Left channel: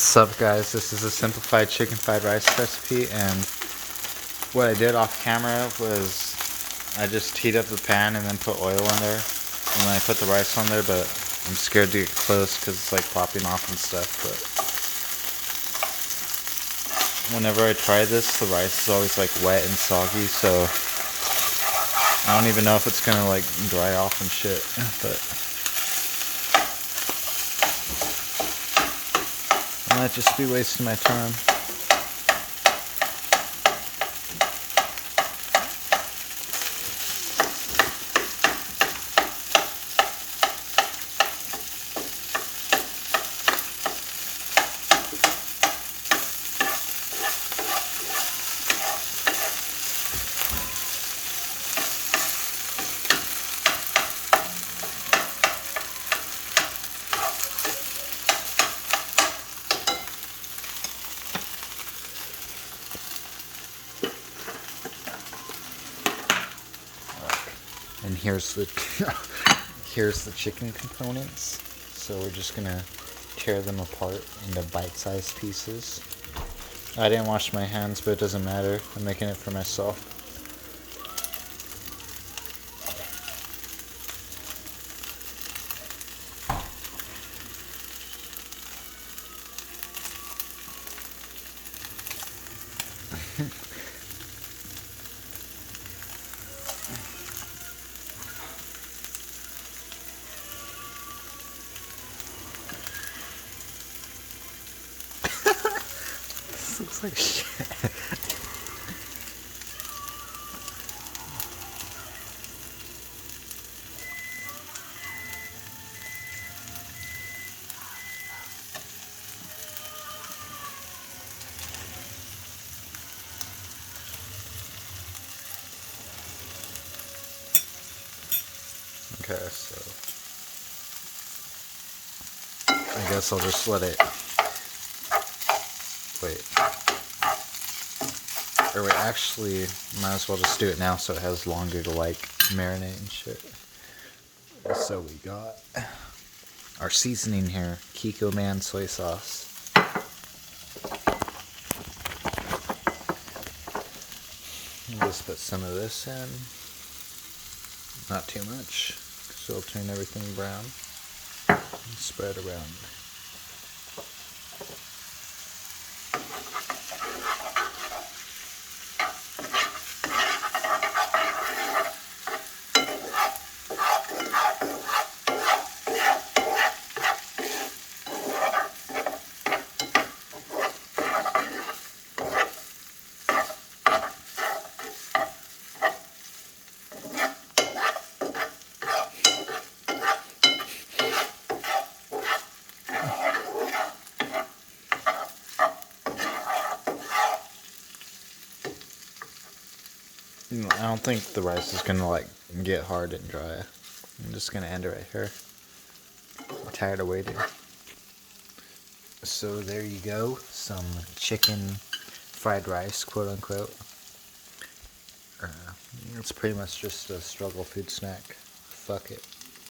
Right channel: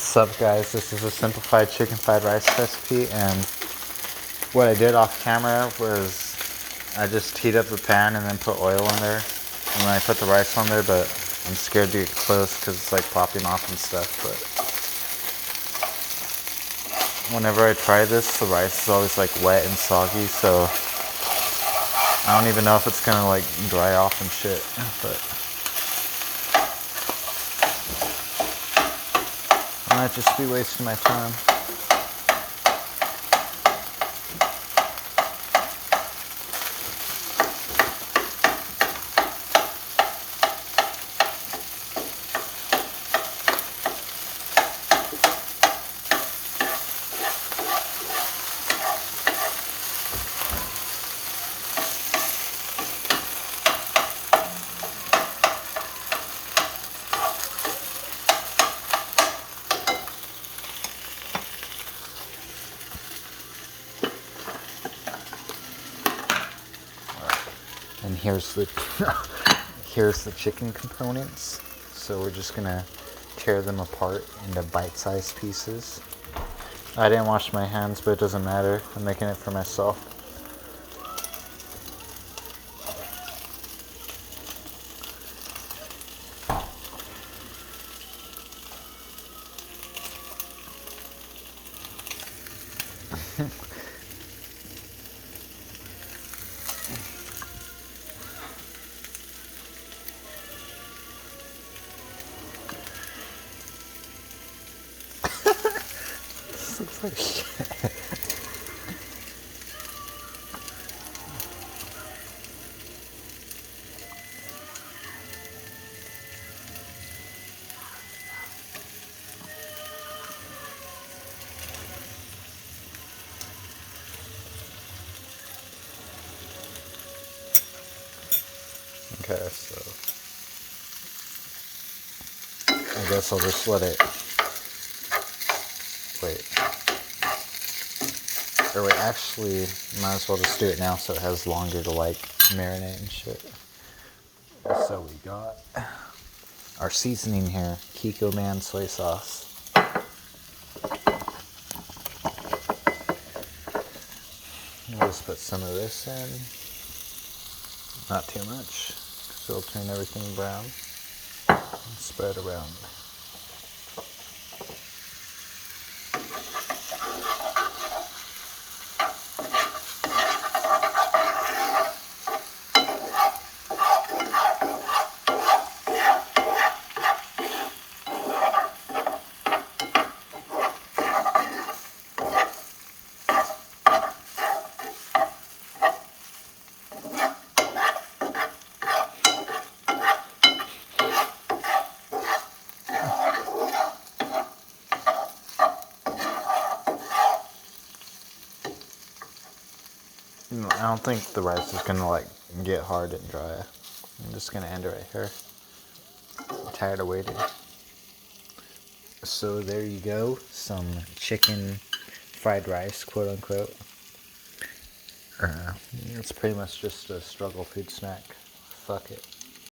Sup guys, this is a simplified chicken fried rice recipe, and what I did off camera was I just heat up the pan and then put oil in there, and then I put the rice on there, but I'm scared to get close because it's like popping off and stuff. But whenever I try this, the rice is always like wet and soggy, so I don't even know if it's gonna like dry off and shit. But I might just be wasting my time. And here's the here's the chicken components. So we're just gonna tear them apart into bite-sized pieces. I didn't wash my hands, but it doesn't matter. I'm making it for myself. This looks like shit. Okay, so I guess I'll just let it. Wait. Or wait, actually, might as well just do it now so it has longer to like marinate and shit. So we got our seasoning here, Kikkoman soy sauce. I'll just put some of this in. Not too much, so it'll turn everything brown. And spread around. I don't think the rice is gonna like get hard and dry. I'm just gonna end it right here. I'm tired of waiting. So there you go, some chicken fried rice, quote unquote. It's pretty much just a struggle food snack. Fuck it.